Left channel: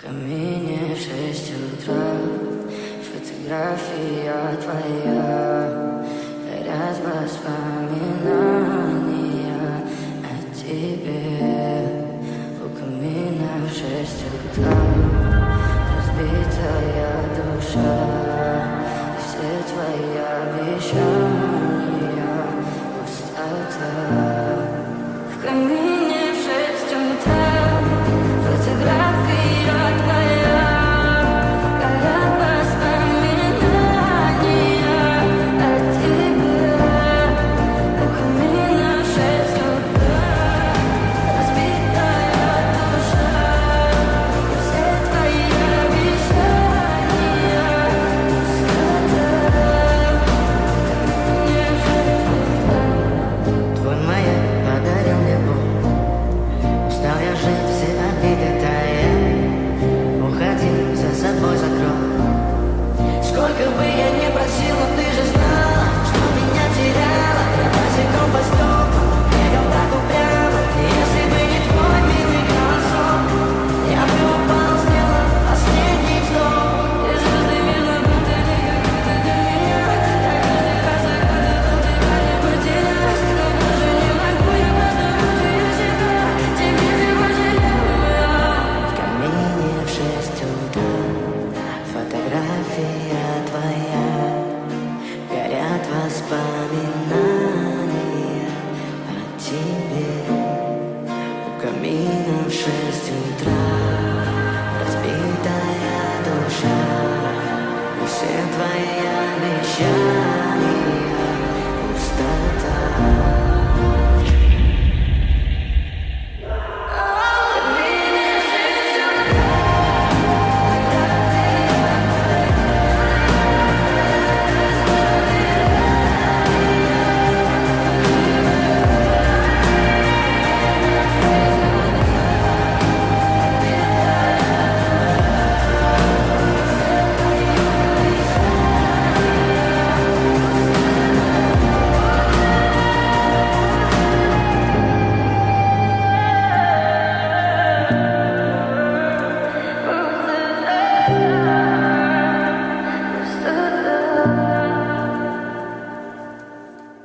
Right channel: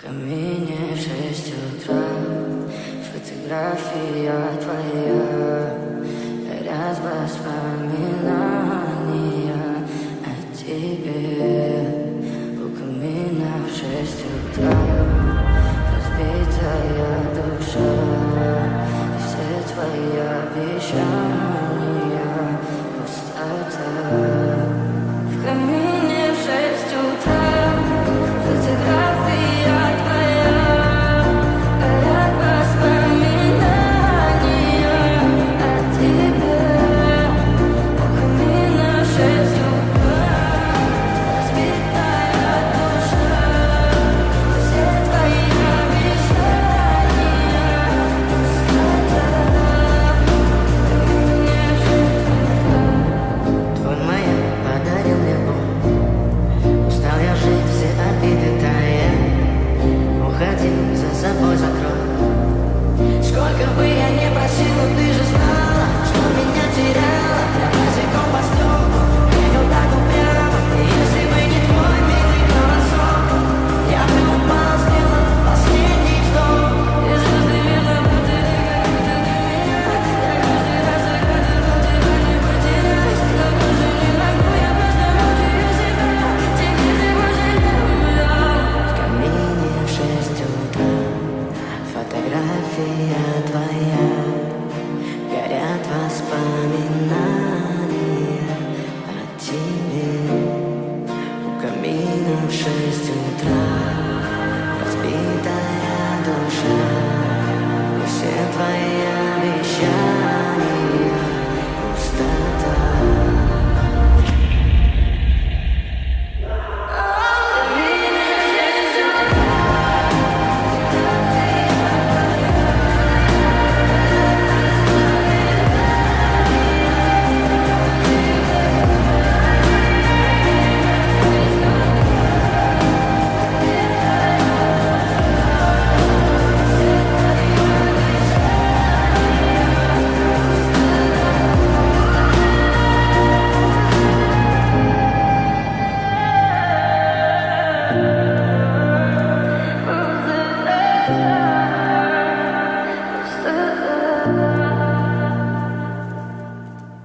В камине в 6 утра, фотография твоя, горят воспоминания о тебе. У камина в 6 утра, разбитая душа, и все твои обещания пустота. В камине в 6 утра, фотография твоя, горят воспоминания о тебе. У камина в 6 утра, разбитая душа, все твои обещания пустота. В камине в 6 утра. Твой маяк подарил мне боль, устал я жить, все обиды тая. Уходи, за собой закрой. Сколько бы я не просил, но ты же знала, что меня теряла. Я босиком по стеклам бегал так упрямо. И если бы не твой милый голосок, я бы упал, сделав последний вздох. И звезды мирно будили, как будто для меня. Я каждый раз загадывал тебя не потерять, но больше не могу, я просто мучаю себя. Теперь ты пожалела. В камине в 6 утра, фотография твоя, горят воспоминания о тебе. У камина в 6 утра, разбитая душа, и все твои обещания